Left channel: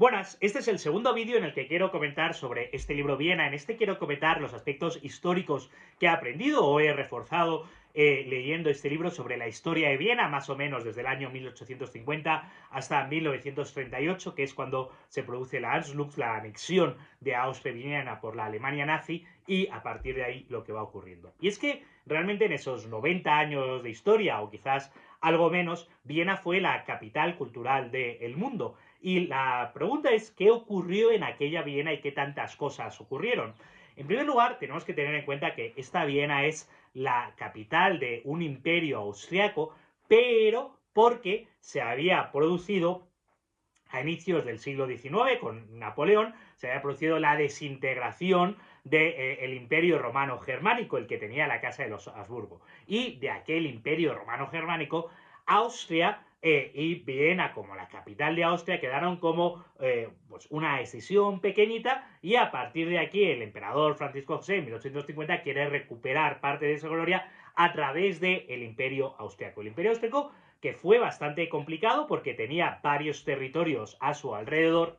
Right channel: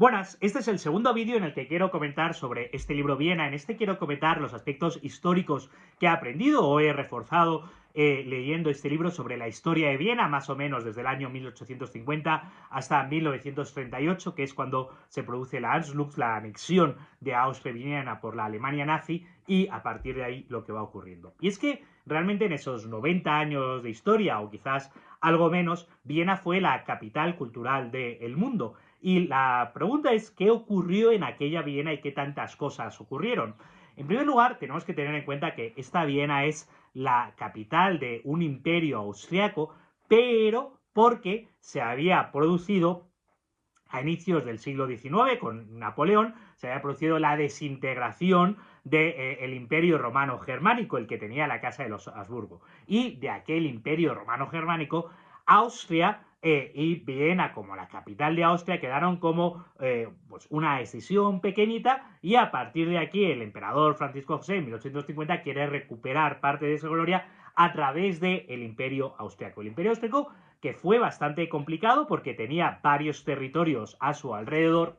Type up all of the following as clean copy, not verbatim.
Buenas, este es el segundo vídeo en el que quiero comentar sobre este libro Viena. En este quiero comentar los aspectos históricos que he aprendido o he reforzado leyendo este libro sobre la historia de Viena, más o menos desde el año 1850 hasta 1938, que es cuando se produce la Anschluss, la anexión de Austria-Viena por la Alemania nazi, y a partir de ahí lo que va ocurriendo. Y es que realmente en esos 90 años de historia, o quizás algo menos, Viena fue la capital cultural del mundo. Y la pregunta es, ¿qué ocurrió en aquella Viena y qué tantas cosas ocurrieron? En primer lugar, tenemos que tener en cuenta que esta Viena es la capital de un imperio austriaco, pero porque se había producido a inicios del siglo XIX, con Napoleón, se había producido la desintegración del Imperio Romano Germánico, el que tenía la Casa de los Habsburgo. Y de aquel Imperio Romano Germánico, Austria y Viena, como la capital de Austria, quedaron como pues una escisión pequeñita, y a partir de aquí el emperador Francisco José en 1850 quiere recuperar parte de esa gloria a través del Imperio Austriaco. El Imperio Austriaco, que fue bastante complicado porque tenía varios territorios a su alrededor,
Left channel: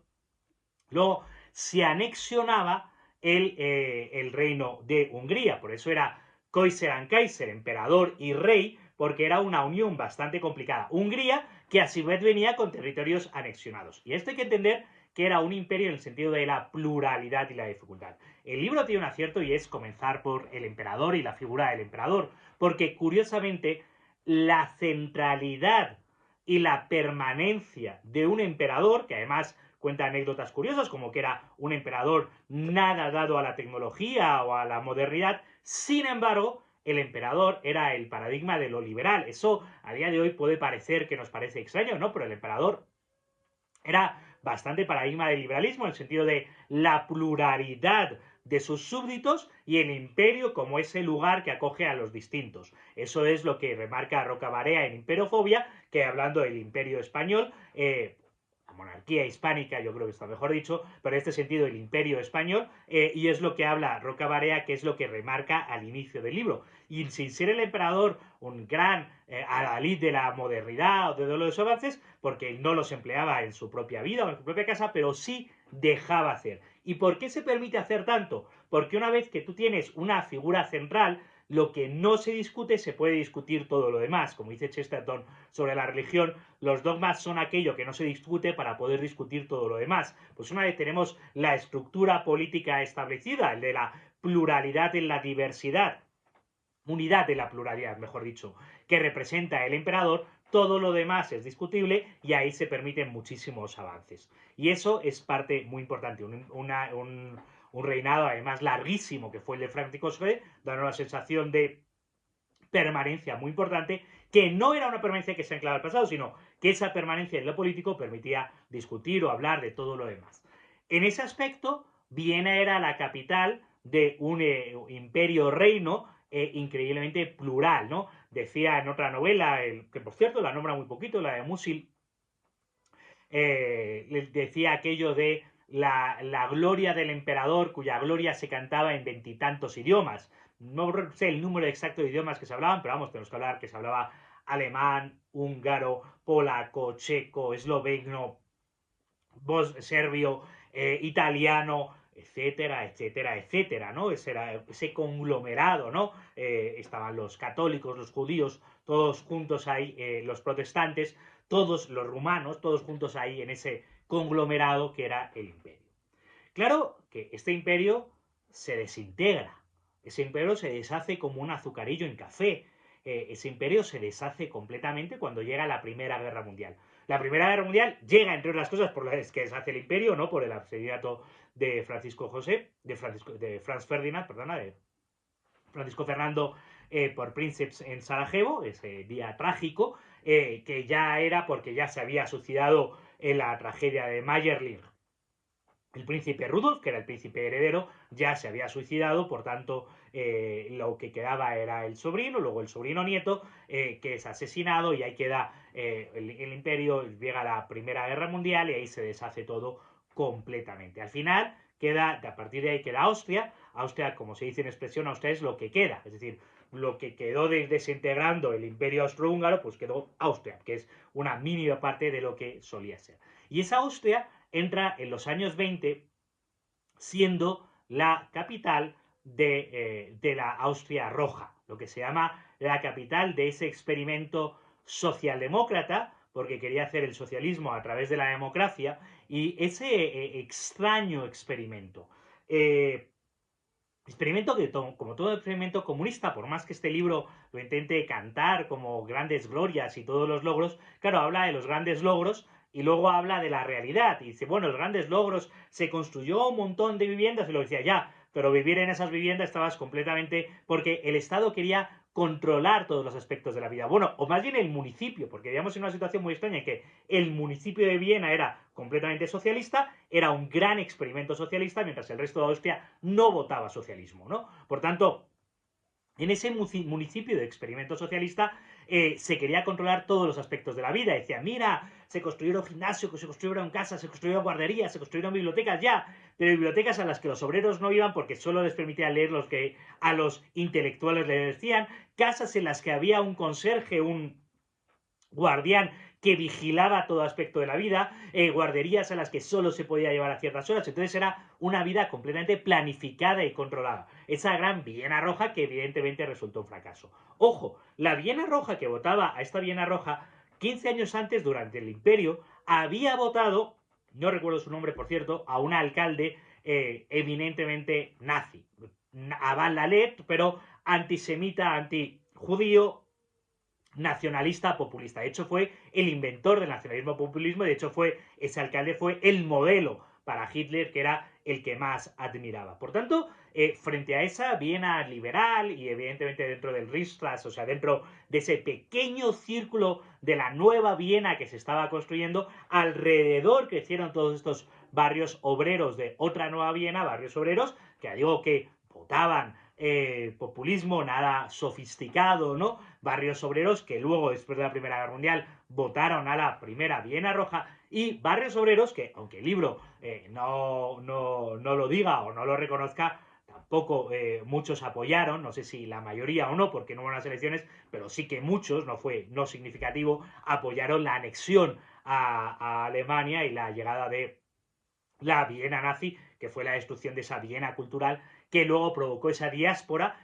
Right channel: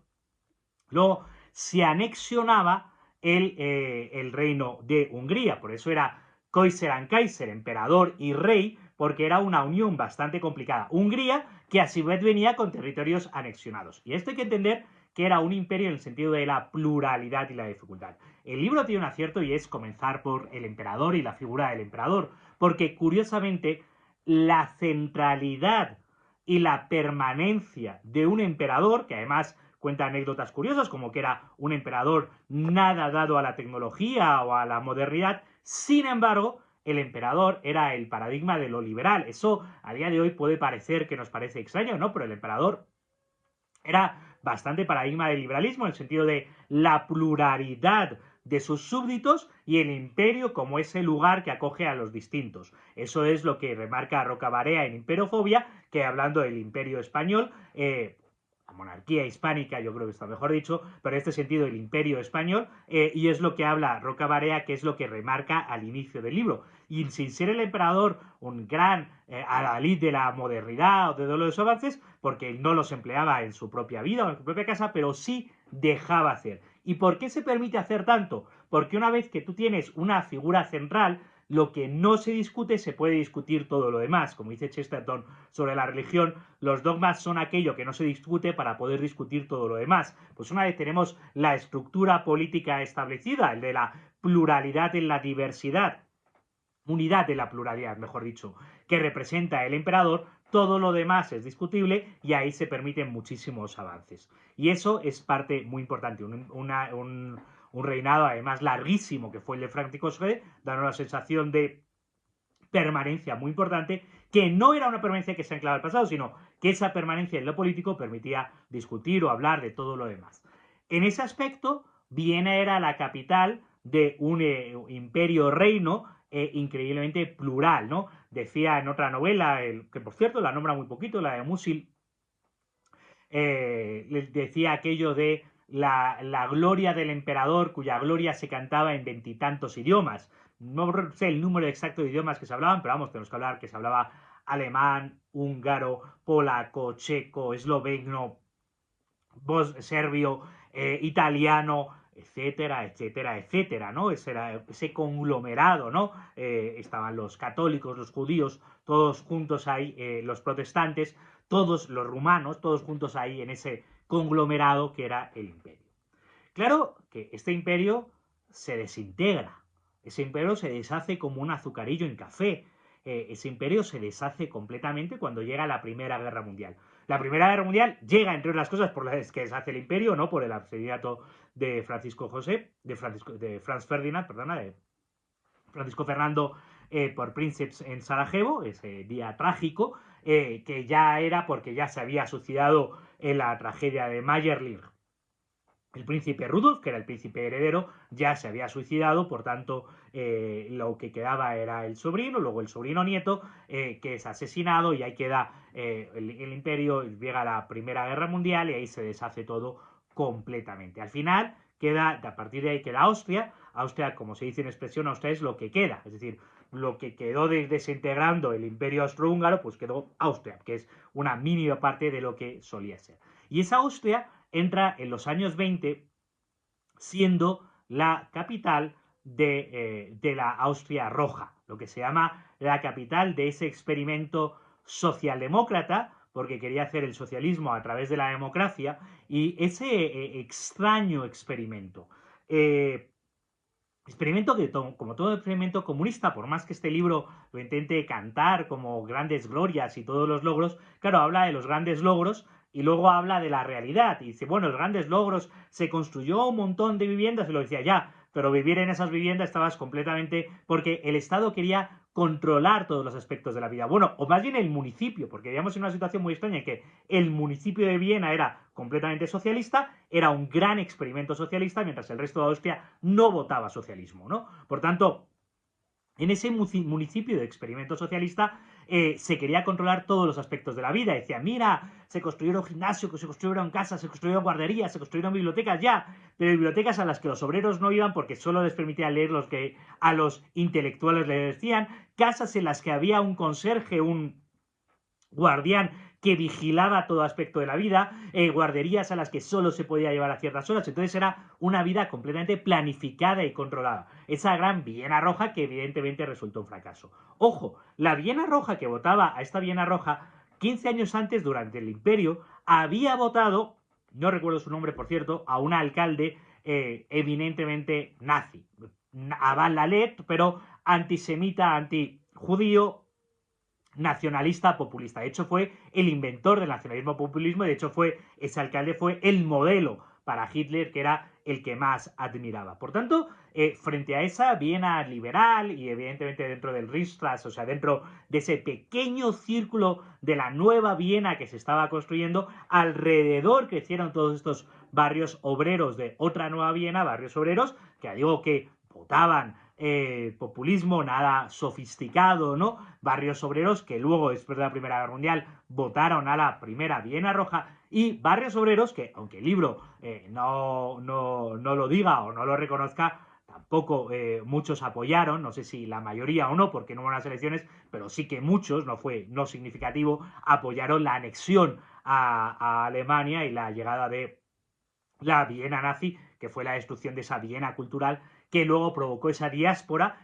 luego se anexionaba el reino de Hungría, por eso era Kaiser and Kaiser, emperador y rey, porque era una unión bastante complicada. Hungría, que a su vez venía con territorios anexionados. Y esto hay que entender que era un imperio en el sentido de la pluralidad y la dificultad. El libro tiene un acierto y es comenzar por el emperador y la figura del emperador, porque curiosamente la centralidad y la permanencia de un emperador, que además cuenta anécdotas curiosas, como que era un emperador nada dado a la tecnología o a la modernidad. Sin embargo, el emperador era el paradigma de lo liberal. Eso a día de hoy puede parecer que nos parece extraño, ¿no? Pero el emperador era bastante paradigma del liberalismo, en el sentido de la pluralidad de sus súbditos y el imperio como ese lugar que acoge a los distintos. Eso es lo que remarca Roca Barea en Imperiofobia, que hablando del imperio español, la monarquía hispánica, yo creo que está mejor dicho, pero en este sentido el imperio español, y es lo que habla Roca Barea, que es lo que remarca al inicio del libro. Y sin ser el emperador un gran adalid de la modernidad o de los avances, porque no los empleaba en su propia vida o en su propia casa, pero sí dejaba hacer. ¿Y por qué se permite hacer tanto? Porque una vez que tú tienes una figura central, lo que no se discute se puede discutir todo lo demás. Como dice Chesterton sobre la religión, los dogmas son aquello que no se discute para poder discutir todo lo demás. Pues una vez tenemos la estructura política establecida, el de la pluralidad en la diversidad, unidad de la pluralidad, mejor dicho, que representa el emperador, todo lo demás es discutible y ahí se permiten muchísimos avances. Y eso es parte muy importante. Un reinado además larguísimo que fue el de Francisco José, dando una sensación de permanencia muy importante, que no era una permanencia que se anclaba al pasado, sino que esa permanencia en lo político permitía discutir o hablar de todo lo demás. En ese aspecto, Viena era la capital de un imperio reino increíblemente plural, ¿no? Decía en otra novela, que por cierto la nombra muy poquito, la de Musil, decía aquello de la gloria del emperador, cuya gloria se cantaba en veintitantos idiomas. No sé el número exacto de idiomas que se hablaban, pero vamos, tenemos que hablar que se hablaba alemán, húngaro, polaco, checo, esloveno, serbio, italiano, etcétera, etcétera, etcétera, ¿no? Ese conglomerado, ¿no? Estaban los católicos, los judíos, todos juntos ahí, los protestantes, todos los rumanos, todos juntos ahí en ese conglomerado que era el imperio. Claro que este imperio se desintegra, ese imperio se deshace como un azucarillo en café, ese imperio se deshace completamente cuando llega la Primera Guerra Mundial. La Primera Guerra Mundial llega, entre otras cosas, por las que deshace el imperio, no por el asesinato de Francisco José, de Franz Ferdinand, perdona, de Francisco Fernando por Princeps en Sarajevo, ese día trágico, que ya era porque ya se había suicidado en la tragedia de Mayerling. El príncipe Rudolf, que era el príncipe heredero, ya se había suicidado, por tanto, lo que quedaba era el sobrino, luego el sobrino nieto, que es asesinado, y ahí queda el imperio, llega la Primera Guerra Mundial y ahí se deshace todo completamente. Al final, a partir de ahí queda Austria. Austria, como se dice en expresión, Austria es lo que queda, es decir, lo que quedó desintegrando el imperio austrohúngaro, pues quedó Austria, que es una mínima parte de lo que solía ser. Y esa Austria entra en los años 20 siendo la capital de la Austria Roja, lo que se llama la capital de ese experimento socialdemócrata, porque quería hacer el socialismo a través de la democracia, y ese extraño experimento. Experimento que, como todo experimento comunista, por más que este libro lo intente cantar como grandes glorias y todos los logros, claro, habla de los grandes logros y luego habla de la realidad. Y dice, bueno, los grandes logros, se construyó un montón de viviendas, y lo decía ya, pero vivir en esas viviendas estabas completamente, porque el Estado quería controlar todos los aspectos de la vida. Bueno, o más bien el municipio, porque vivíamos en una situación muy extraña en que el municipio de Viena era completamente socialista, era un gran experimento socialista, mientras el resto de Austria no votaba socialismo, ¿no? Por tanto, en ese municipio de experimento socialista se quería controlar todos los aspectos de la vida. Decía, mira, se construyeron gimnasios, se construyeron casas, se construyeron guarderías, se construyeron bibliotecas, ya, pero bibliotecas a las que los obreros no iban porque solo les permitían leer los que a los intelectuales les decían, casas en las que había un conserje, un guardián que vigilaba todo aspecto de la vida, guarderías a las que solo se podía llevar a ciertas horas. Entonces era una vida completamente planificada y controlada. Esa gran Viena Roja que evidentemente resultó un fracaso. Ojo, la Viena Roja que votaba a esta Viena Roja 15 años antes, durante el Imperio, había votado, no recuerdo su nombre por cierto, a un alcalde eminentemente nazi. Aval Lalet, pero antisemita, antijudío, nacionalista populista. De hecho, fue el inventor del nacionalismo populismo y de hecho ese alcalde fue el modelo para Hitler, que era el que más admiraba. Por tanto, frente a esa Viena liberal y evidentemente dentro del Reichstag, o sea, dentro de ese pequeño círculo de la nueva Viena que se estaba construyendo, alrededor crecieron todos estos barrios obreros de otra nueva Viena, barrios obreros, que digo que votaban populismo, nada sofisticado, ¿no? Barrios obreros que luego, después de la Primera Guerra Mundial, votaron a la primera Viena Roja, y barrios obreros que, aunque el libro no lo diga o no lo reconozca, tampoco muchos apoyaron, no sé si la mayoría o no, porque no hubo unas elecciones, pero sí que muchos, no significativo, apoyaron la anexión a Alemania y la llegada de la Viena nazi, que fue la destrucción de esa Viena cultural que luego provocó esa diáspora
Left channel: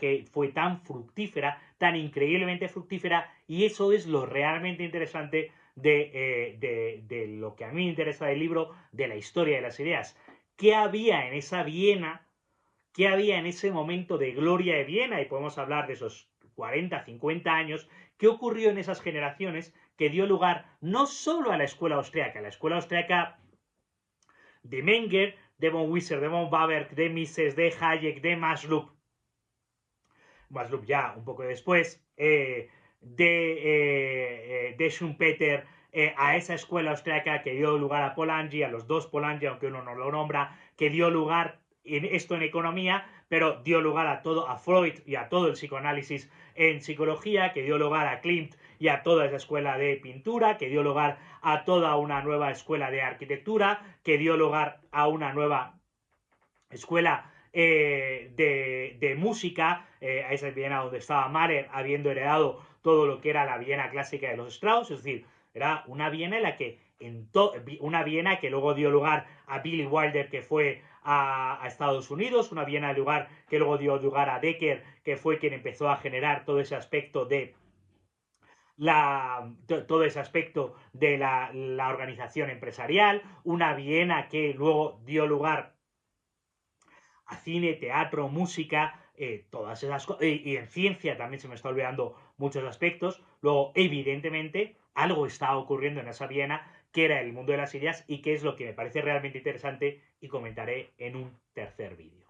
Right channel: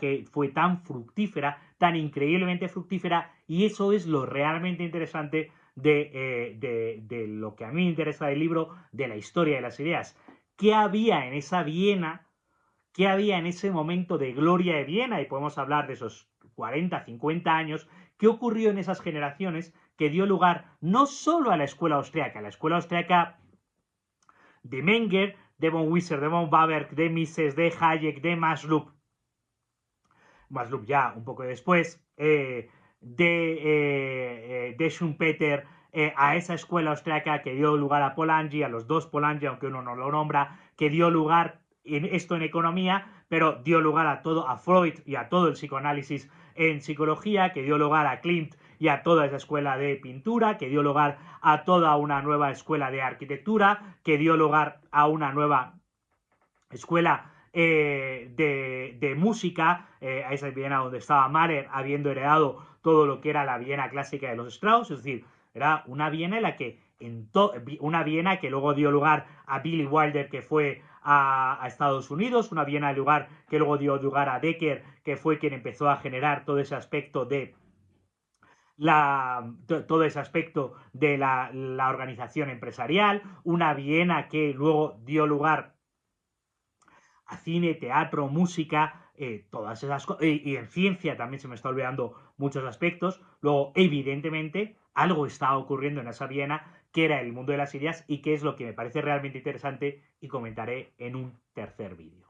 que fue tan fructífera, tan increíblemente fructífera, y eso es lo realmente interesante de lo que a mí me interesa del libro, de la historia de las ideas. ¿Qué había en esa Viena? ¿Qué había en ese momento de gloria de Viena? Y podemos hablar de esos 40, 50 años. ¿Qué ocurrió en esas generaciones que dio lugar no solo a la escuela austriaca de Menger, de von Wieser, de von Baberg, de Mises, de Hayek, de Maslow ya un poco después, de Schumpeter, a esa escuela austriaca que dio lugar a Polanyi, a los dos Polanyi, aunque uno no lo nombra, que dio lugar esto en economía, pero dio lugar a Freud y a todo el psicoanálisis en psicología, que dio lugar a Klimt y a toda esa escuela de pintura, que dio lugar a toda una nueva escuela de arquitectura, que dio lugar a una nueva escuela de música, a esa Viena donde estaba Mahler, habiendo heredado todo lo que era la Viena clásica de los Strauss, es decir, era una Viena en la que una Viena que luego dio lugar a Billy Wilder, que fue a Estados Unidos, una Viena lugar que luego dio lugar a Becker, que fue quien empezó a generar todo ese aspecto de todo ese aspecto de la organización empresarial, una Viena que luego dio lugar a cine, teatro, música, todas esas cosas, y en ciencia también se me está olvidando muchos aspectos. Luego, evidentemente, algo está ocurriendo en esa Viena que era el mundo de las ideas y que es lo que me parece realmente interesante y comentaré en un tercer vídeo.